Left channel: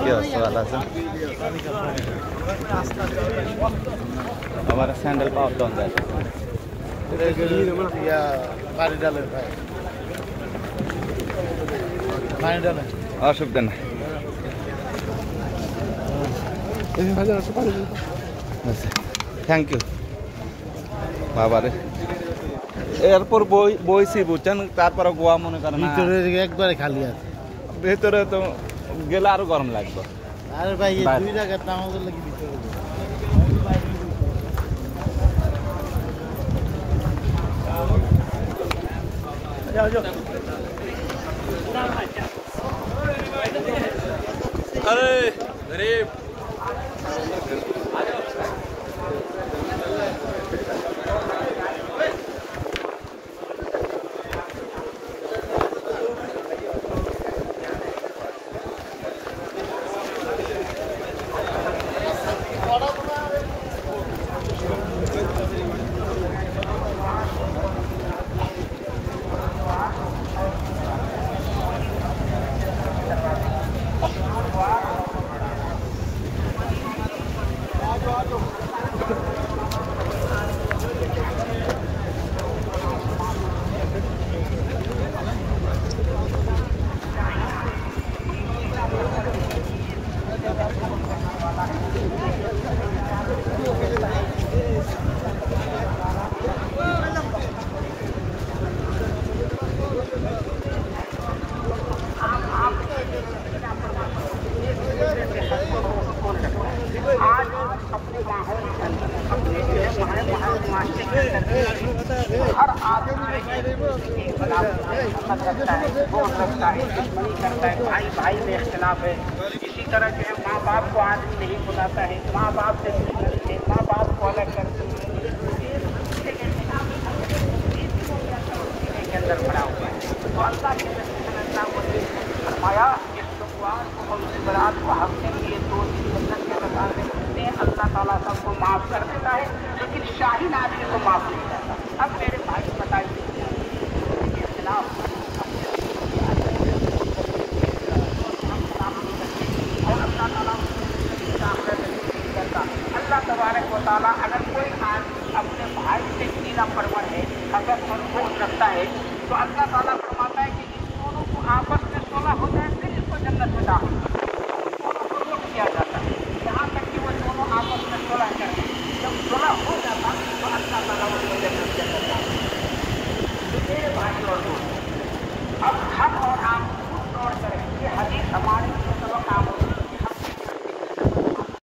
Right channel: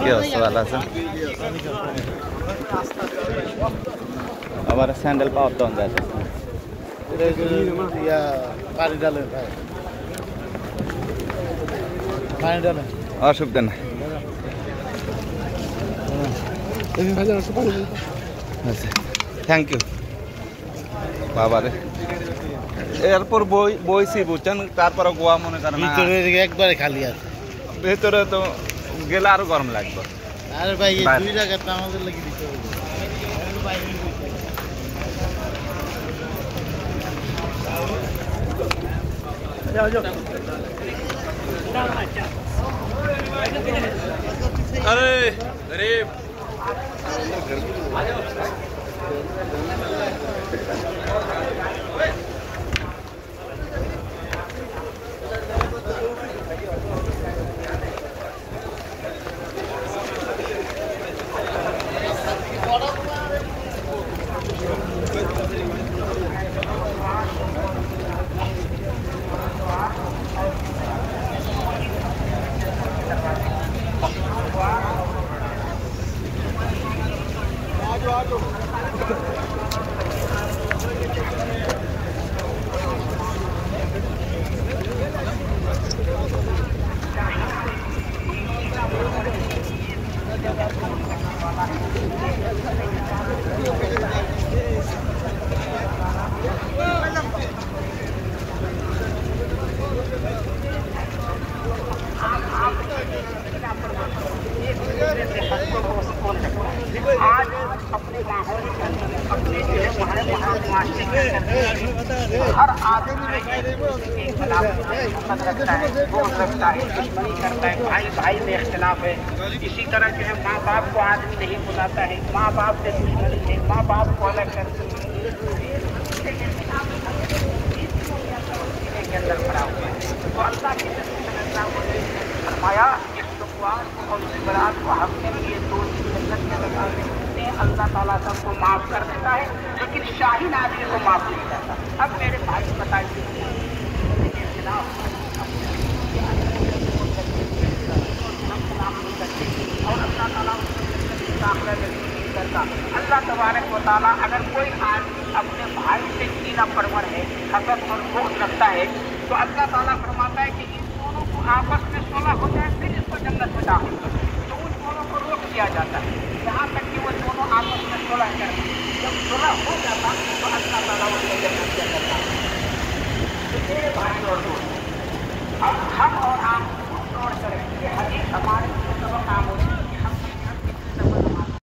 কি অবস্থা, ভালো আছেন? আবার স্যান্ডেল পাওয়ার দাম যাচ্ছে, অসুবিধা না। আচ্ছা, থ্যাংক ইউ। বাবারে এরপর বইছি বুঝছেন, তারপরে গোয়া মনে করেন একবারে খালি আছে, ভেতরে তো গেলে আরো গরম লাগবে। আরে ভাই দুই জায়গাতে আমাদের লাগি দিতে হবে। अरे गरीब हर आदमी भाई भाई में इख्तिलाफ है। इसी तरह जो है माँ बाप को आदमी नहीं बुलाता है, माँ बाप से दुश्मनी है, माँ बाप को अलग करते आया इस मुश्किलात को हल के लिए दो अल्लाह ताला सबको माफ कर देता है, लेकिन शाहीन आदमी को माफ नहीं करता। अब मेरे भाई बताइए के खिलाफ अल्लाह तबारक व तआला अगर कोई आदमी अपने भाई से कीना परवर है, हसद मनसूख रखता है, तो अल्लाह ताला फरमाता है कि इन दोनों को आपस में सुलह हो जाए, फिर इसको जन्नत में दाखिल कर दोनों को रोक दिया जाता है, यहाँ तक कि वो दोनों आपस में सुलह करें। जब सुलह हो जाता तो अल्लाह ताला उनको जन्नत में दाखिल करता है। भाई और दोस्त अब